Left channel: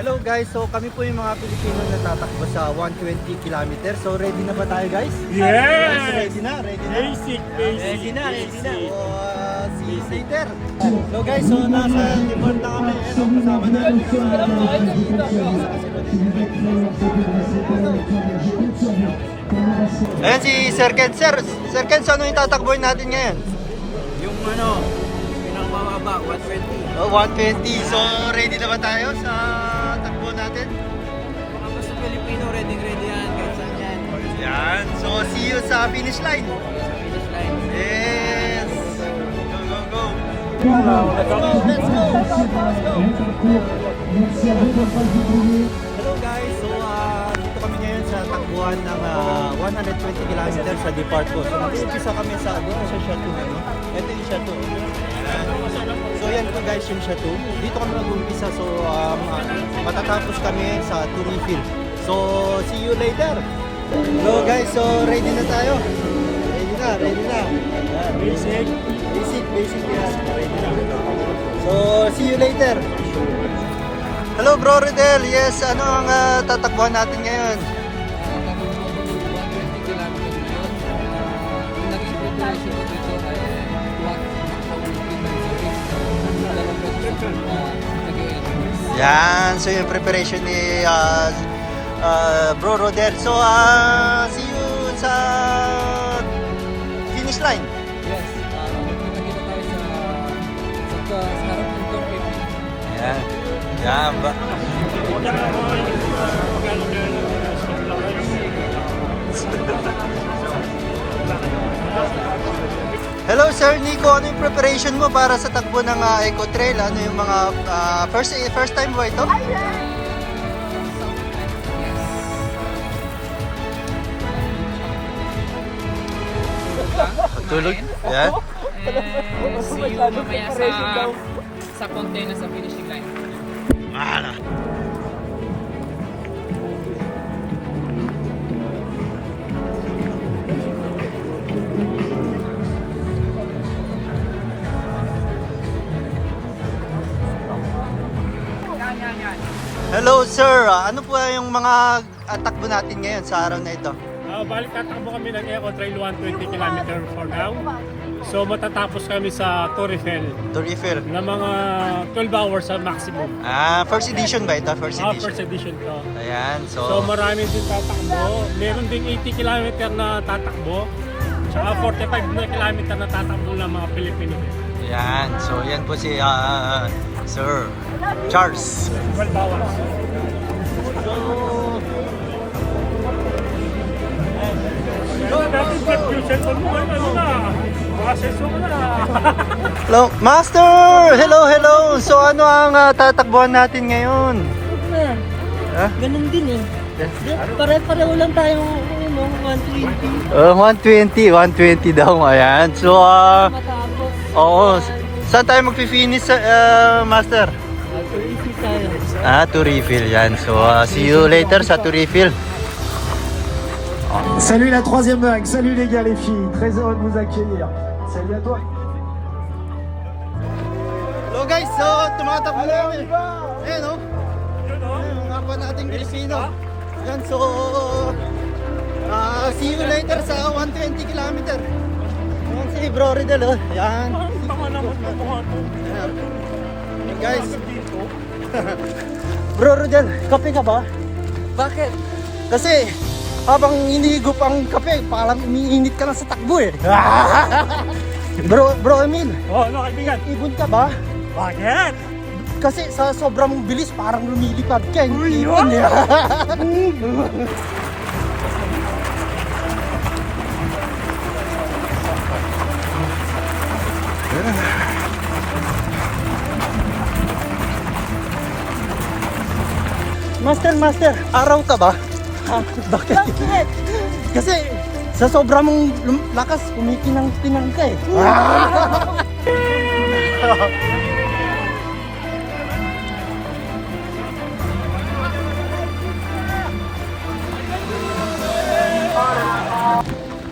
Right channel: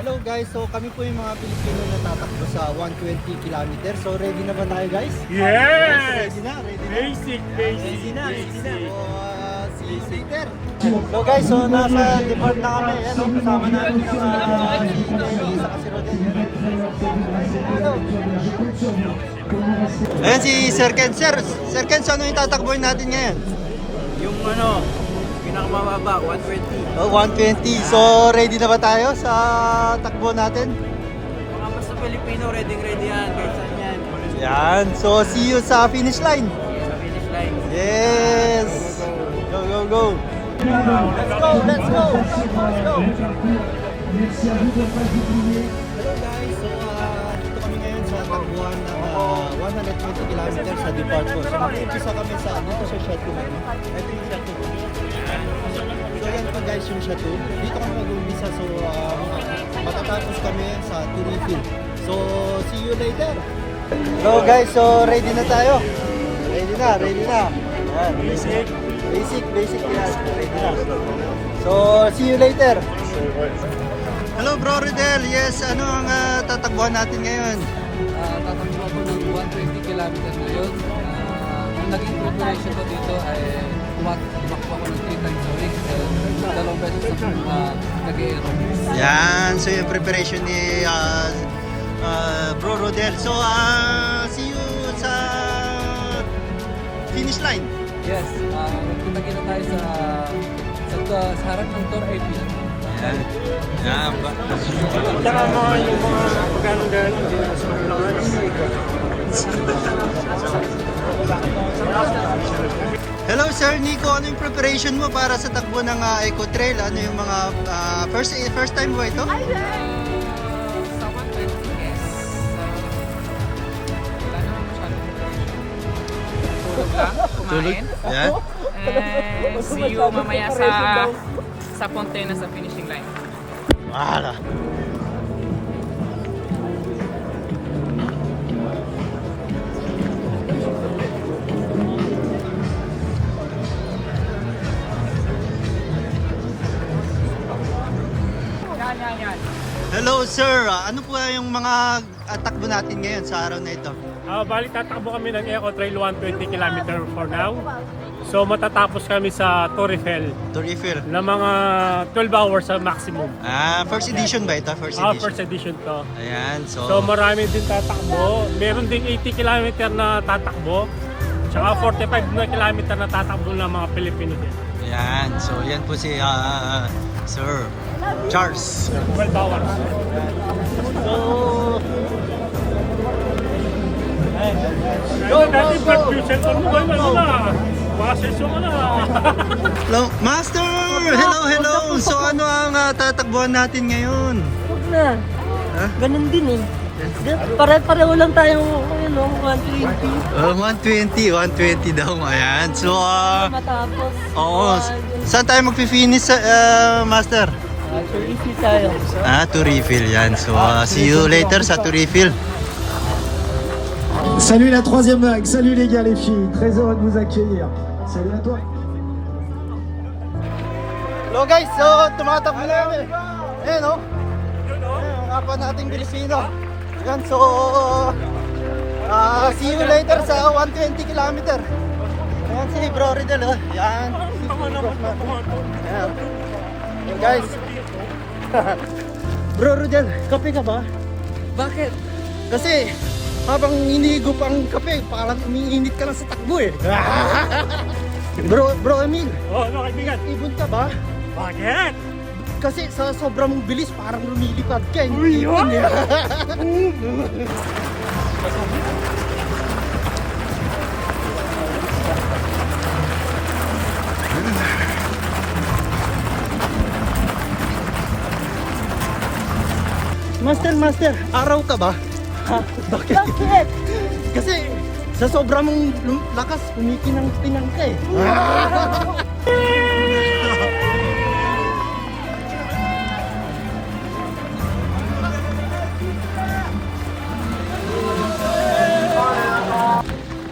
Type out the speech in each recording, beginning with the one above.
Hello guys, so kami po yung mga Pilipino na tatakbo sa 120 km. So ready na ba tayo guys? Yes! Ready na. Basic. Ready na. So, see you later. So guys, so nasa depart na kami. Ano, kasama namin Ayan si Sir Ken. Sir Ken, so ano yung tatakboin natin ngayon? Yung pinakamababa, 120. Oh, 120. So ready na ba tayo sa takbo natin? Mga basta Pilipino, ready yan, kahit saan yan. Yan. So see you sa finish line. Sige sa finish line. Yes! Go! Let's go! Hello guys! So dito kami ngayon sa takbuhan ng 120 km sa depart ko. So mag-uumpisa kami dito sa Chateau. Ito yung Chateau. So yan po guys yung Chateau. Dito kami mag-uumpisa. So matatapos kami sa Turifil. So see you later! So guys, so ready na tayo. Ready na. Yan. Basic yan. Ready na. So, see you later. Hello bro Rodel. Yes, ano ang tatakbuhan natin ngayon? Tatakbo ako ng 120 km ngayon. Ang naging preparation ko dito ay tumakbo ako ng 3 times a week. So, dalawang beses ako nag-aerobics. Yan, so yung preparation ni bro Rodel. So, see you sa finish line. Yes, magkita-kita tayo sa harap ng Tour AP. Ayan. Yan ba? Hello Sir Nico, ano yung preparation mo para sa takbo ng Eco Trail? Ano yung mga first time ba ito? Sa 120, yes. Wala naman masyadong preparation. Tulog lang, kumain. Yeah. And see you mamaya sa container sa finishing line. Wala. Hello sir, ano po yung mga takbo natin ngayon sa araw na ito? Balik tatakbo kami ng Eco Trail 120 km for now. So matatapos kami sa Tour Eiffel Tour Eiffel. na mga 12 hours sa maximum. First edition ba ito? First edition. First edition to. Ayan, So marami din tatakbo. Meron ding 80 km na tatakbo. Tsaka 45 na kilometer na tatakbo ng mga Pilipino din. Ayan, so yan po si Sir Charles. 12 hours. So, Ayun, dati ba't yung cellphone mo ngayon ano na? Mga seso ka na. hello, Master! Hello! So ano ang tatakbuhan natin ngayon? Huwag na. Ha? Ganun din eh. Pare-pareho lang tayong 120. 120 daw. Ayan. So, Matapos. oo. Saan tayo magpi-finish, Master? Easy tayo. To refill yan. So, see you later sa to refill. Salut la troisième vague, salut les gars les filles, très heureux de vous accueillir. Salut à toi. Hello guys, so tumatakbo na kami. Ayan o. Ang kapwa nating Pilipino. Yan, so see you later sa 120 km. Yan si Bro Ridel o. Yan. Ayan. Yan guys. Bro Ridel, kape ka ba? Bakit? Kasi habang hinihigop ang kape, parang umiinit ka lang sa takbo eh. Bro Emil, Ano kaibigan? ibon ka ba? Bakit? Kasi sa sobrang bilis, parang lumilipad ka. Hindi ibon eh. Master, araw ka ba? Bakit? Kasi sa sobrang lakas, kumipinang-pinang ka eh.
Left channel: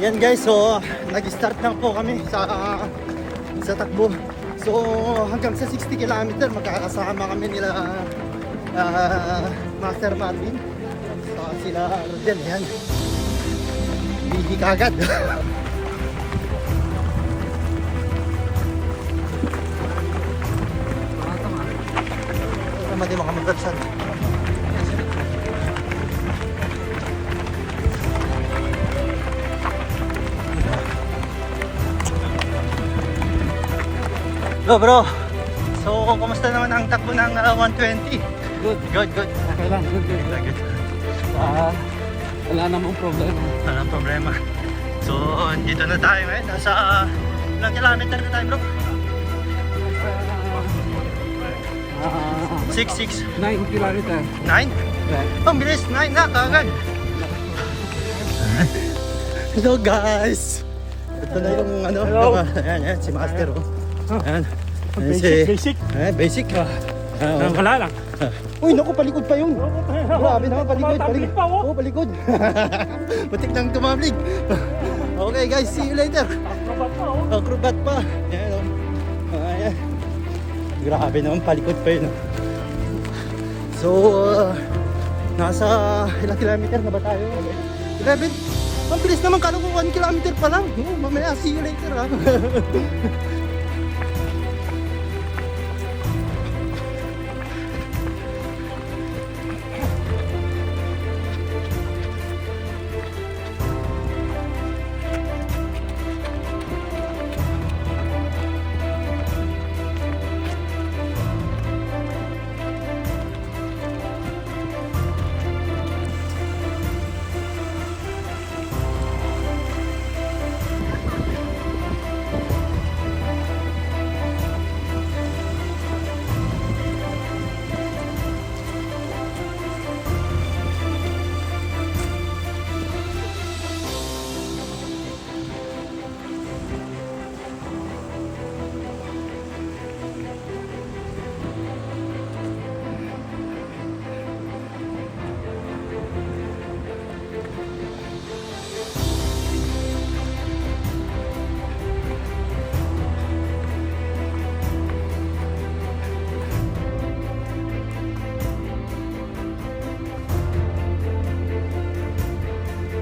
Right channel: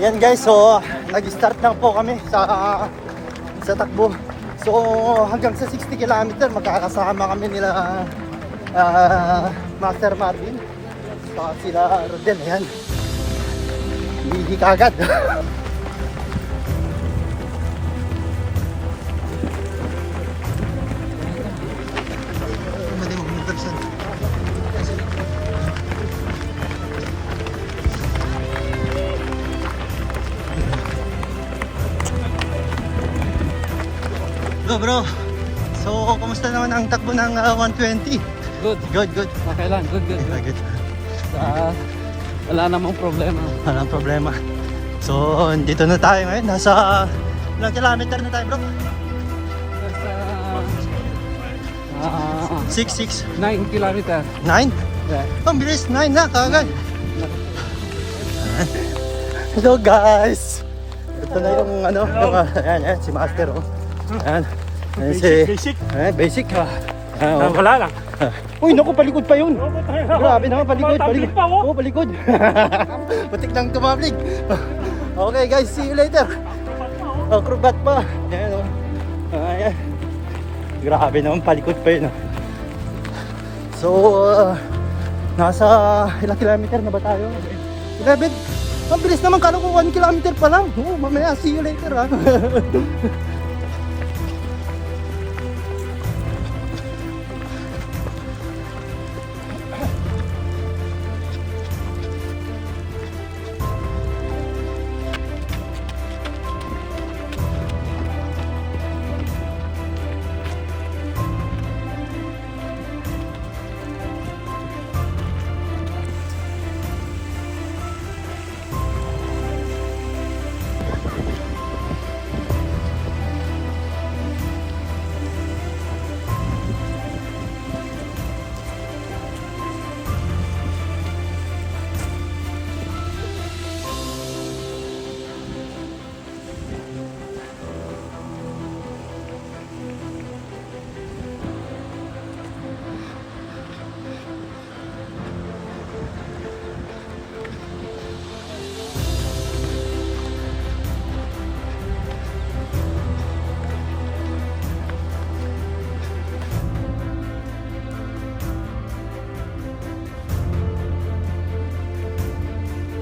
Yan guys, so nag-start na po kami sa takbo. So hanggang sa 60 km magkakasama kami nila Master Marvin. Saka sila Rodel. Ayan. Hindi kagad. Madi mga magdalsan. Hello bro. So, kumusta naman ang takbo ng 120? Good. Good, good. Okay lang, good. Good. Wala namang problema. Walang problema. So, dito na tayo ngayon. Nasa ilang kilometer na tayo bro? Nasa 6, 9 kilometer. 9? Yeah. Ang bilis, 9 na kagad. Hello guys. Ito na yung ano. Ayan, si Master oh. Ayan. Basic. Ayan, basic. Wala lang. Uy, naku, palikod pa yun. Grabe na, palikod. Tablik pa, oh. Oo, palikod. Patik lang tumablig. Okay guys, see you later. Oh, krubat pa. Ayan, oh. Ayan. Grabe naman, palikod pa yun. Oh. So, nasa ilang kilometer na ba tayo? 11. Ang bilis naman, kala ko 1 kilometer pa lang. Oh, mamaya, see you later ha.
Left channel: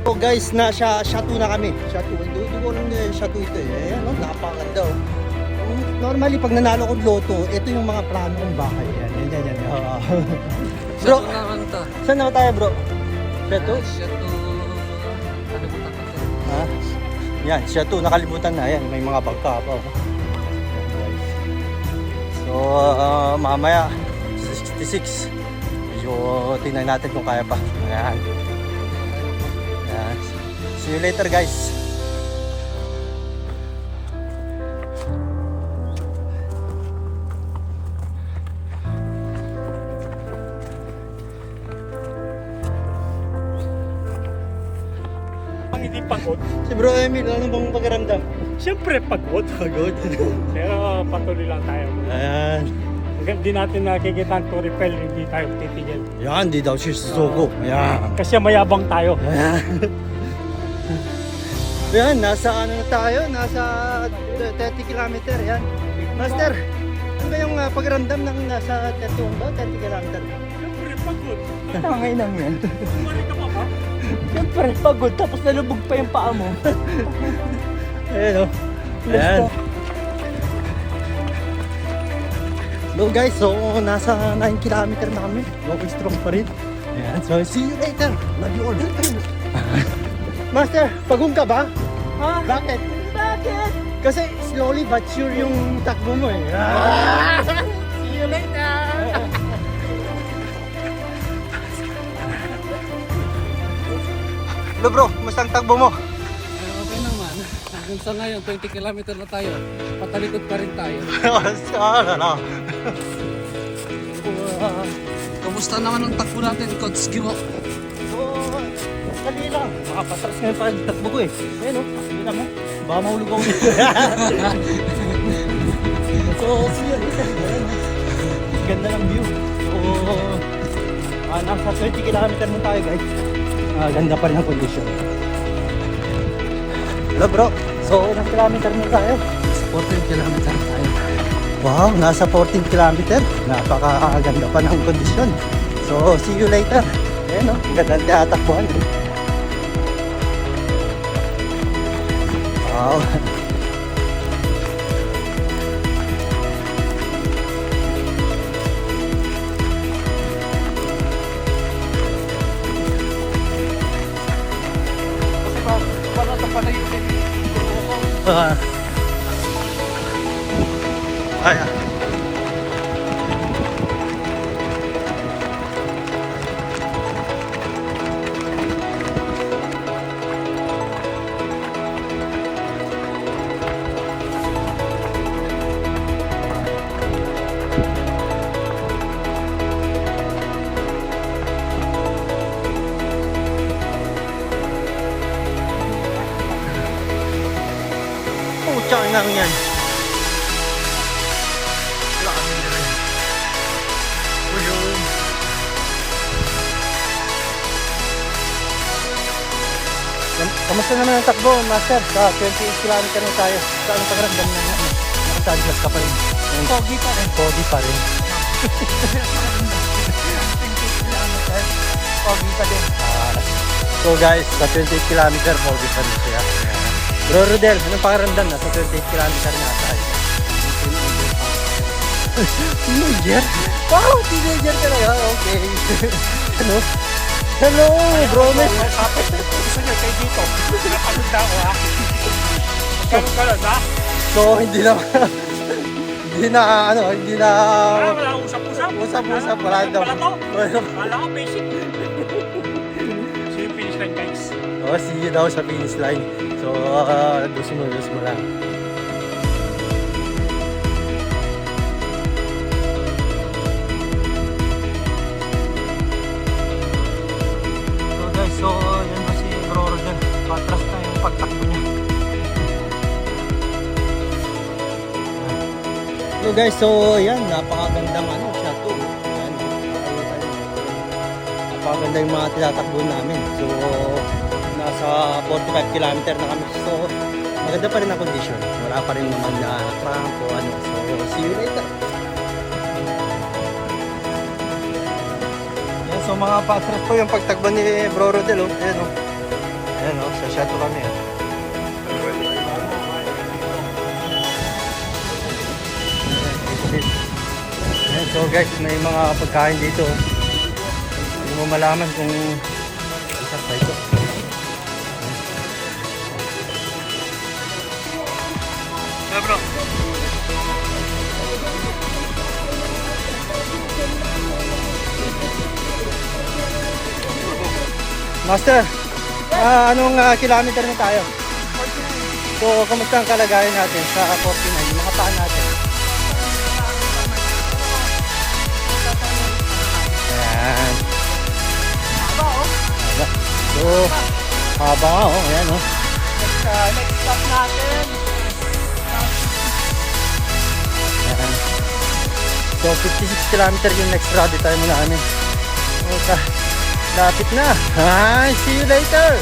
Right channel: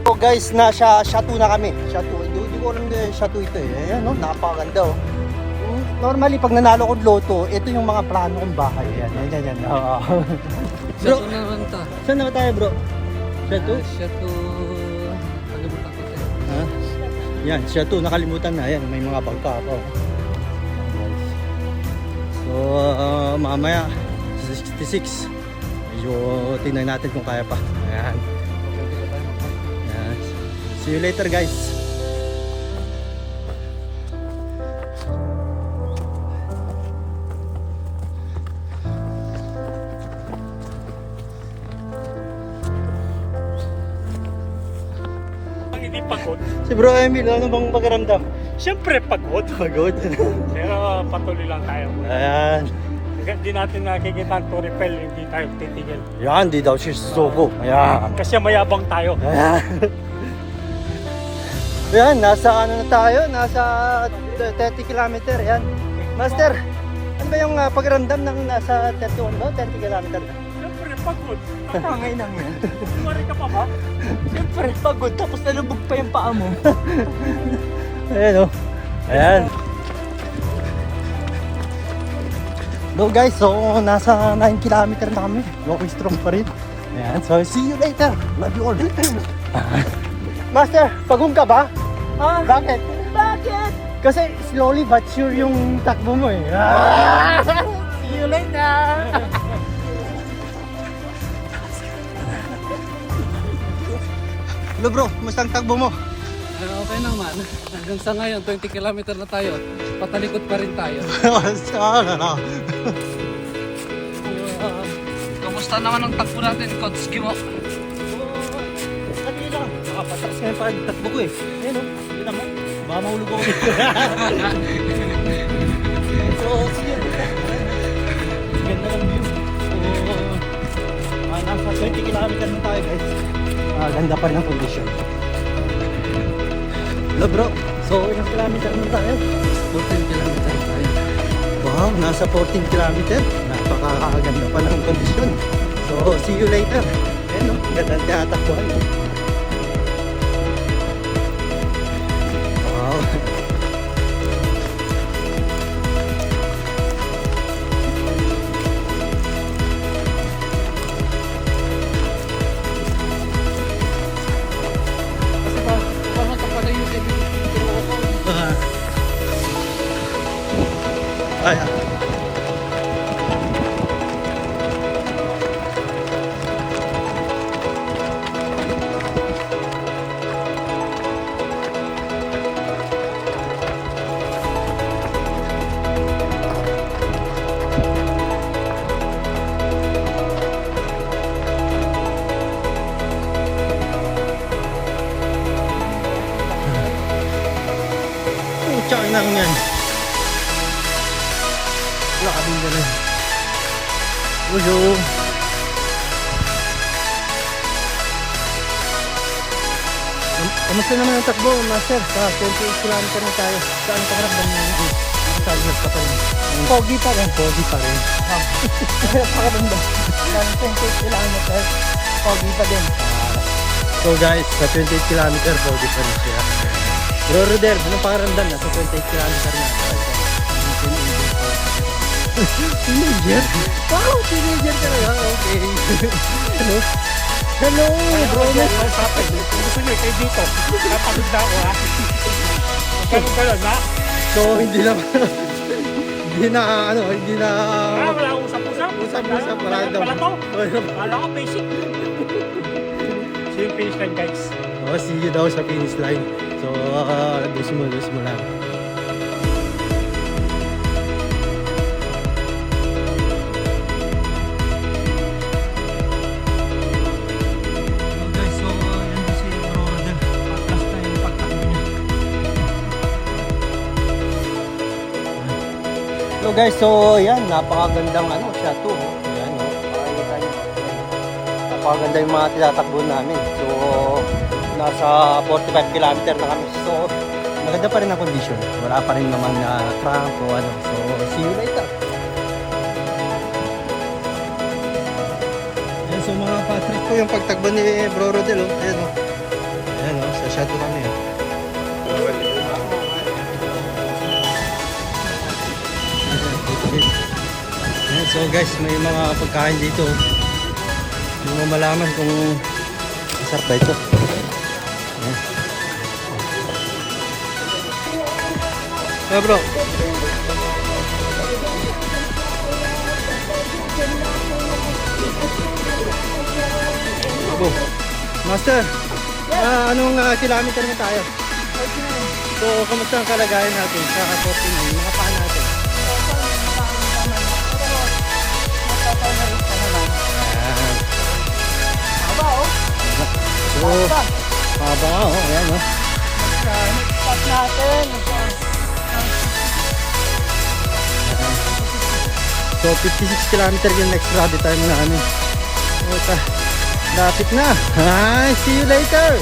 So guys, nasa Chateau na kami. Chateau. Hindi ko alam na Chateau ito eh. Ayan, no? Napakaganda oh. Normally, pag nanalo ko loto, ito yung mga plano kong bahay. Yan. Sa Bro, ito naman ta. saan naman tayo bro? Chateau? Chateau. Kalimutan ko tayo. Ha? Yan, Chateau. Nakalimutan na. Yan, may mga bagta pa. So, mamaya, 66. Medyo tingnan natin kung kaya pa. Ayan. See you later guys. Ang hindi pagod. Si Bro Emil, ano bang pagkaramdam? Siyempre pagod. Pagod. Pero patuloy lang tayo. Ayan. Hanggang di natin nakikita ang Toripel, hindi tayo titigil. Yan, di daw siya susuko. Ayan. Kasi mayabang tayo. Ayan. Ayan, nasa ano na tayo? Nasa 30 kilometer. Ayan. Master, ano ba yung pagramdam ng nasa 31 ba? 30 kilometer? Siyempre pagod. Tangay nang yan. Kumari ka pa ba? Siyempre, pagod. Tapos nalubog pa yung paa mo. Ayan o. Ayan. Hello guys, so nasa 9 kilometer na kami. Going strong pa rin. Ayan, so see you later. Love you all. Master, pagong ka ba? Ha? Bakit? Bakit? Kasi slowly but sure yung takbo mo eh. See you later! Hello bro, kumusta ang takbo mo? Okay naman. Hanggang sa ngayon, 20 kilometer na tayo. Patalikod pa rin tayo. Kamusta naman ang takbo natin, Coach Gimo? So, dali lang. Makapatras nga yung pagtakbo ko eh. Ayun o, kita mo. Baka mahulog ako dito. So, see you. Ganda ng view. So, nasa 20 kilometer na tayo guys. Ganda pa rin ang condition. Hello bro. So, ilang kilometer na tayo? 14 kilometer tayo. Wow, nasa 14 kilometer. Napakaganda pa ng kondisyon. So, see you later. Ayan o, gandang tinatakbuhan. Wow. Ayan. Pucha na yan. Wala kaming dala. Ulo. Kamusta naman ang takbo, Master? Sa 28 km na tayo. Saan pa rin bang nakasali magkapal? Pogi pa rin. Pogi pa rin. Meron ba? 28 km. Pogi pa din. So guys, sa 28 km, pogi pa rin siya. Bro Rodel, anong pakaramdam na sa 28 km na? Teenager? Wow, teenager ka na yan. Okay. Ano? Hello, bro. Kausapin. Gusto nyo kayo dito. Napagod na ako ha. Ganun ka lang ha. So, hindi na, Wala usap-usap. Usap-usap, wala daw. Wala to. Wala ko basic. So yung finish line guys. Oh, see you daw sa finish line. So, dus mo lang. So guys, so yan ba si Bro Rodel. Patras na yung pagtakbo niya. Hello guys, so yan, napakagandang siya to. Yan, napakaganda yung mga tinatakbo namin. So, nasa 45 km na kami. So, maganda pa rin ang condition. Wala pa rin naman na cramp o ano. So, see you later. Ayan, so mga patras po yung pagtakbo ni Bro Rodel. Oh. Ayan, oh. Ayan, oh. Sa Chateau kami. Oh. Ayan, so guys, may mga pagkain dito. Hindi mo malaman kung masarap ba ito. Yeah, bro. Master, anong kilometer na tayo? 49. So, kamusta ang kalagayan natin sa 49? Mga paan natin? Haba oh. So, haba oh. Ayan, oh. Next stop natin. So 56 km yung next ride time namin. Okay. Lapit na. Hi, see you later.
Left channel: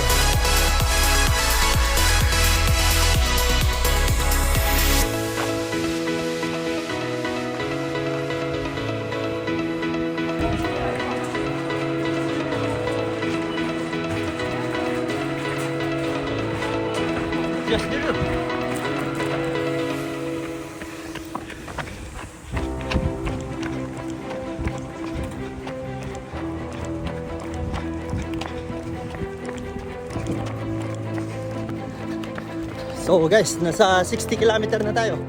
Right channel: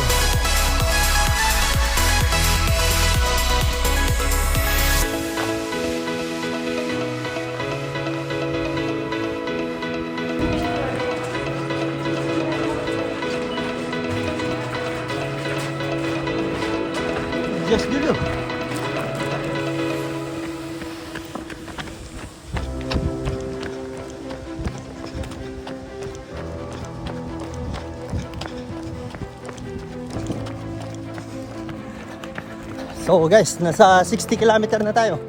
Just dulu. So guys, nasa 60 km na tayo.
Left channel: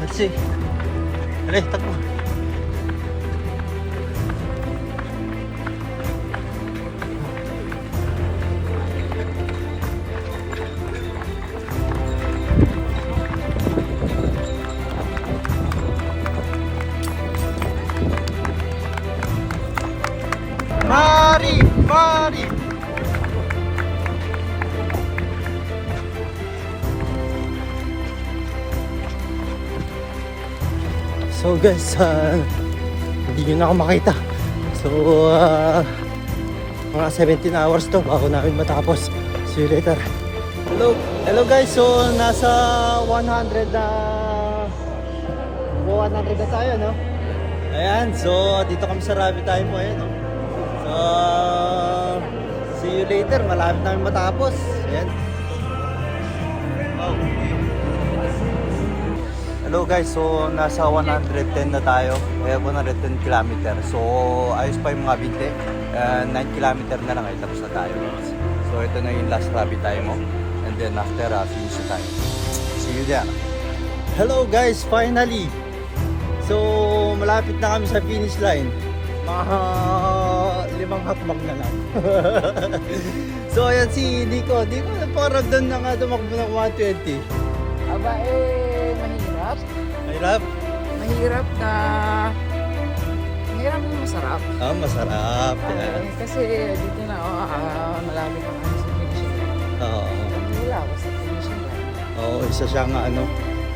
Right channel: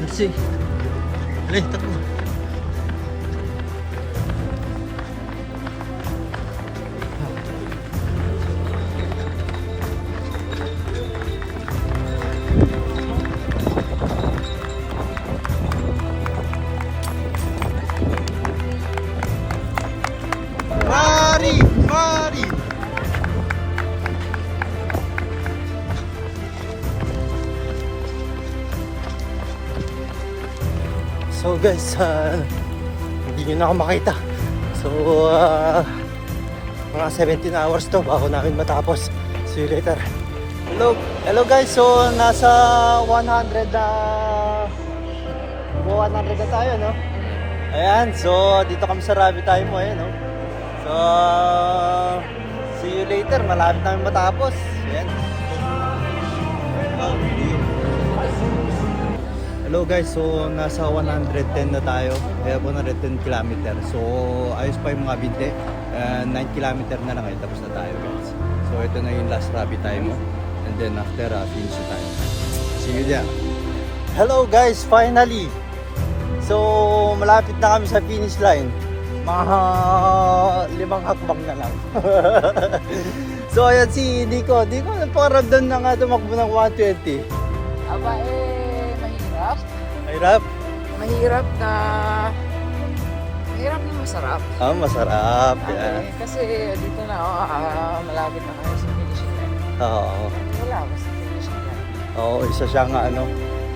Let's see. Dali, takbo. Mari! So guys, hindi nyo na ako makita. So, mga 17 hours to bago namin matapos. See you later. Hello guys, so nasa 100 na tayo, no? Ayan, so dito kami sa Rabbit Time mo, ayan, no? So, see you later, malapit namin matapos. Ayan. Wow. Hello guys, so nasa 110 na tayo, 110 kilometer. So, ayos pa yung mga binte. 9 kilometer na lang, tapos na tayo guys. So, ito na yung last Rabbit Time mo. And then after, finish na tayo. See you there. Hello guys, finally! So, malapit na kami sa finish line. Mga 5 hakbang na lang. So, ayan si Nico. Nico, parang doon na nga tumakbo ng 120. Aba mahirap. Hirap? Mahirap na masarap. Ah, masarap. Yeah. Kasi dito na malapit na kami sa finishing line. Oo. Wala ako sa finishing line. Oo, isa siyang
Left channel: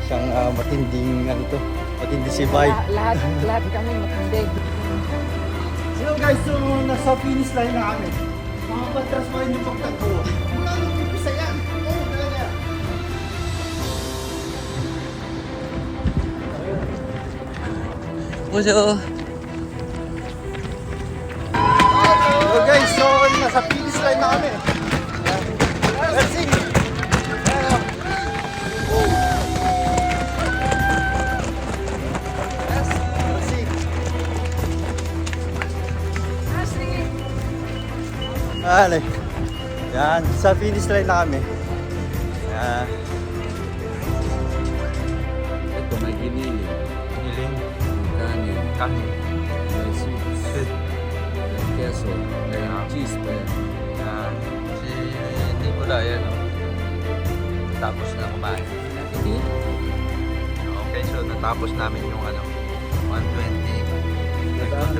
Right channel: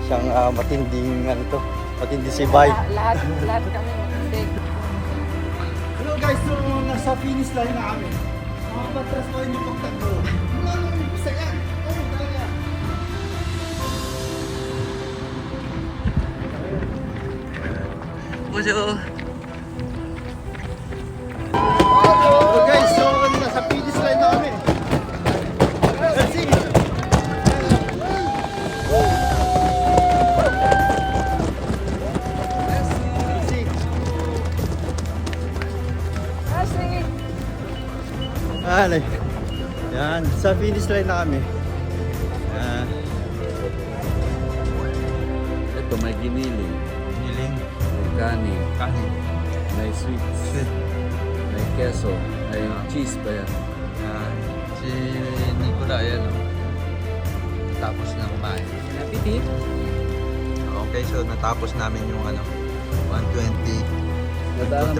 siyang matinding matindi si Bay. Lahat kami matindi. Hello guys, so nasa finish line na kami. Mga patras pa rin yung pagtagpo. Mula nung umpisa yan. Oo, talaga. Bonjour! Hello guys, so nasa finish line na kami. Let's sing! Alay. Yan, sa finish line na kami. Yan. Ito may giniling, Niling. may kanin, Kanin. may sweets, Sweet. may queso, may Yeah. cheese pa yan. Yan. Si Nicola, yan o. Tapos na kumain. Appetit! Okay, so natapos namin yung 120. Nadaan